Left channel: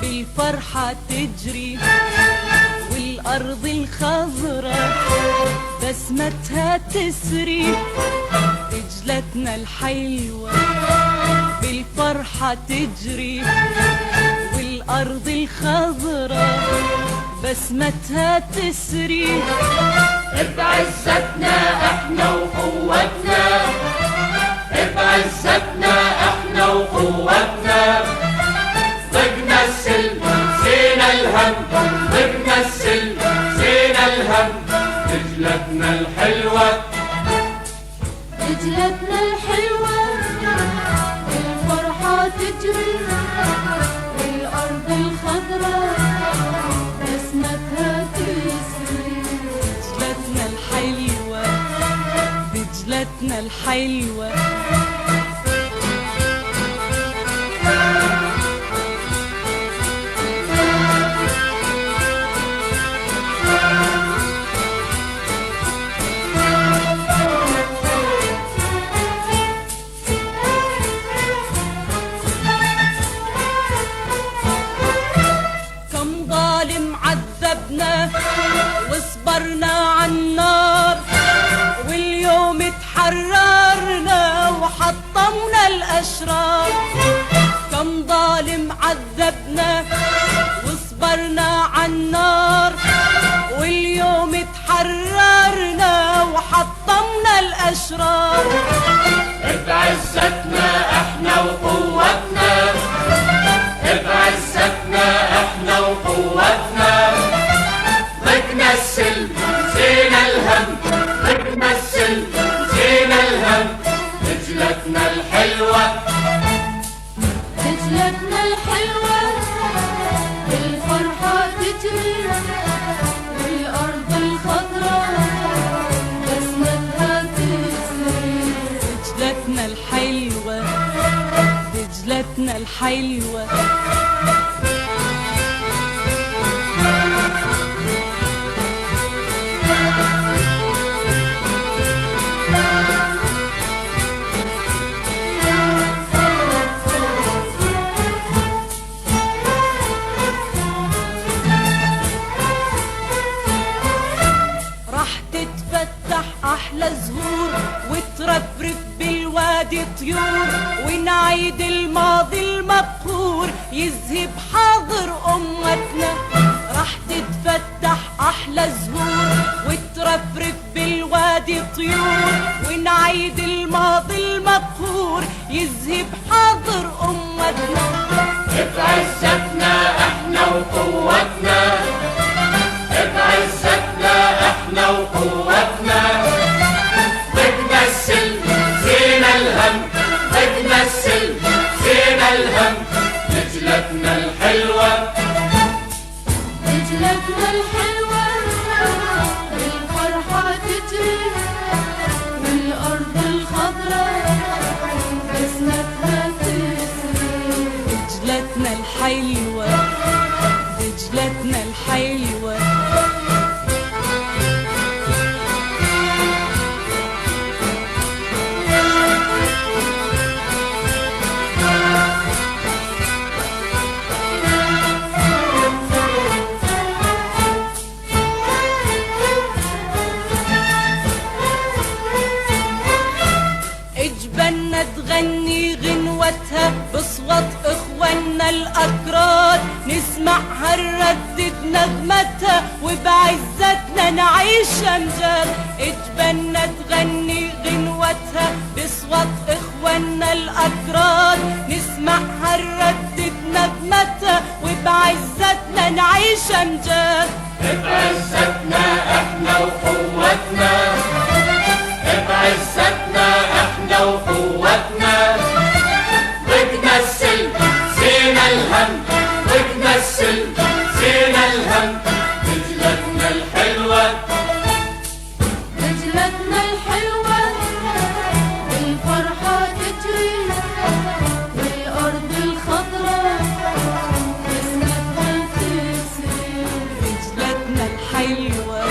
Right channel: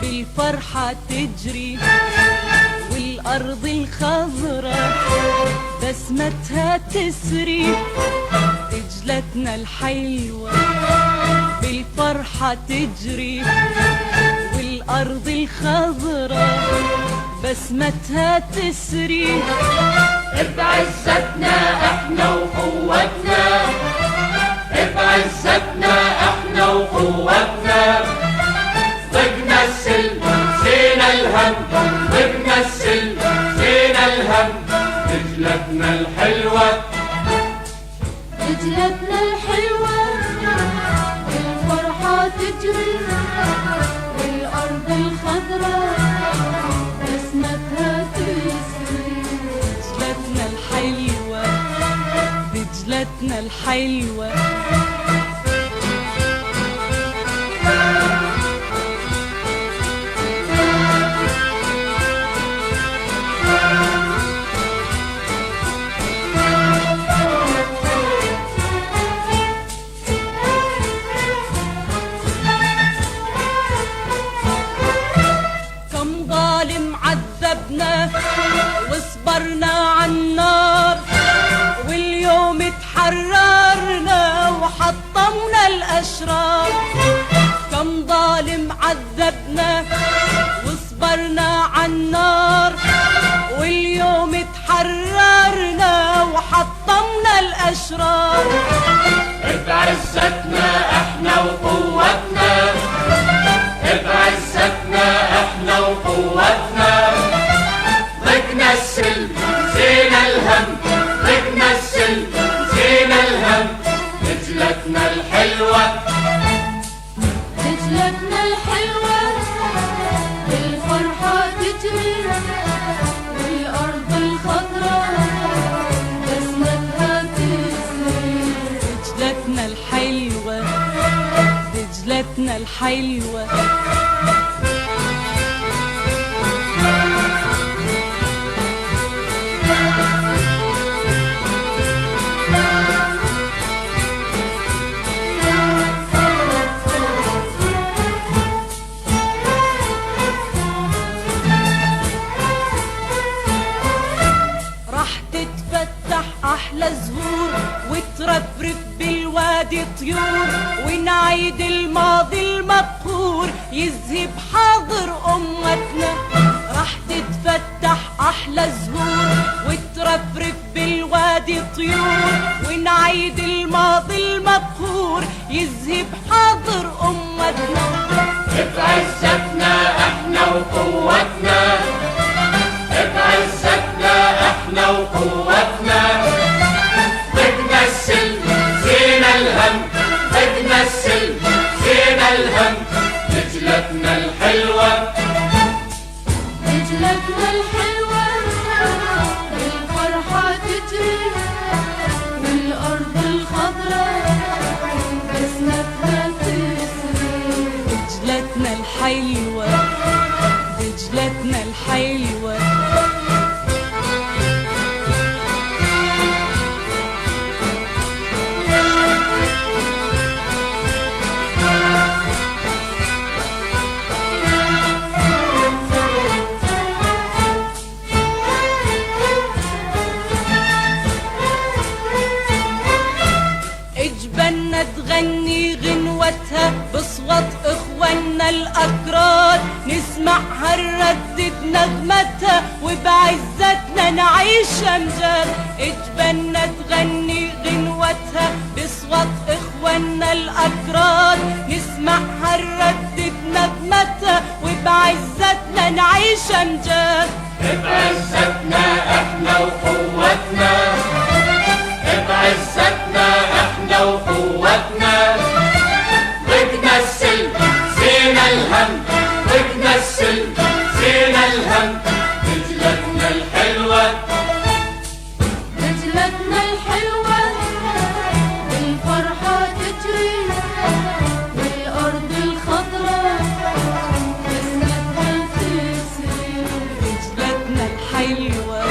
بالفرحة تجري والأرض الخضراء بسمتها تسري. دجلتنا الحلوة بالفرحة تجري والأرض الخضراء بسمتها تسري. بعزتنا احنا وقوتنا، بعزتنا احنا وقوتنا، بنمثل زينا الهم، بنمثل زينا الهم. دجلتنا الحلوة، دجلتنا الحلوة الفرحة تجري والأرض الخضراء بسمتها تسري. دجلتنا الحلوة، دجلتنا الحلوة. عذبنا وصبرنا عالنار واليوم اتحررنا وحطمنا الأشرار. كم ظالم عذبنا وصبرنا عالنار واليوم اتحررنا وحطمنا الأشرار. بعزتنا احنا وقوتنا، بعزتنا احنا وقوتنا، بنمثل زينا الهم، بنمثل زينا الهم. دجلتنا الحلوة، دجلتنا الحلوة الفرحة تجري والأرض الخضراء بسمتها تسري. دجلتنا الحلوة، دجلتنا الحلوة. تتفتح أحلى زهور وترفرف بالوادي طيور ونعيد الماضي المقهور يذهب حاضر أمتنا. راح تتفتح أحلى زهور وترفرف بالوادي طيور ونعيد الماضي المقهور يذهب حاضر أمتنا. بعزتنا احنا وقوتنا، بعزتنا احنا وقوتنا، بنمثل زينا الهم، بنمثل زينا الهم. دجلتنا الحلوة، دجلتنا الحلوة الفرحة تجري والأرض الخضراء بسمتها تسري. دجلتنا الحلوة، دجلتنا الحلوة. اجبلنا تغني غنوتها بصوت اخواننا الاكراد، نسمعها نردد نغمتها وبعزتنا نعيش امجاد. اجبلنا تغني غنوتها بصوت اخواننا الاكراد، نسمعها نردد نغمتها وبعزتنا نعيش امجاد. بعزتنا احنا وقوتنا، بعزتنا احنا وقوتنا، حلوة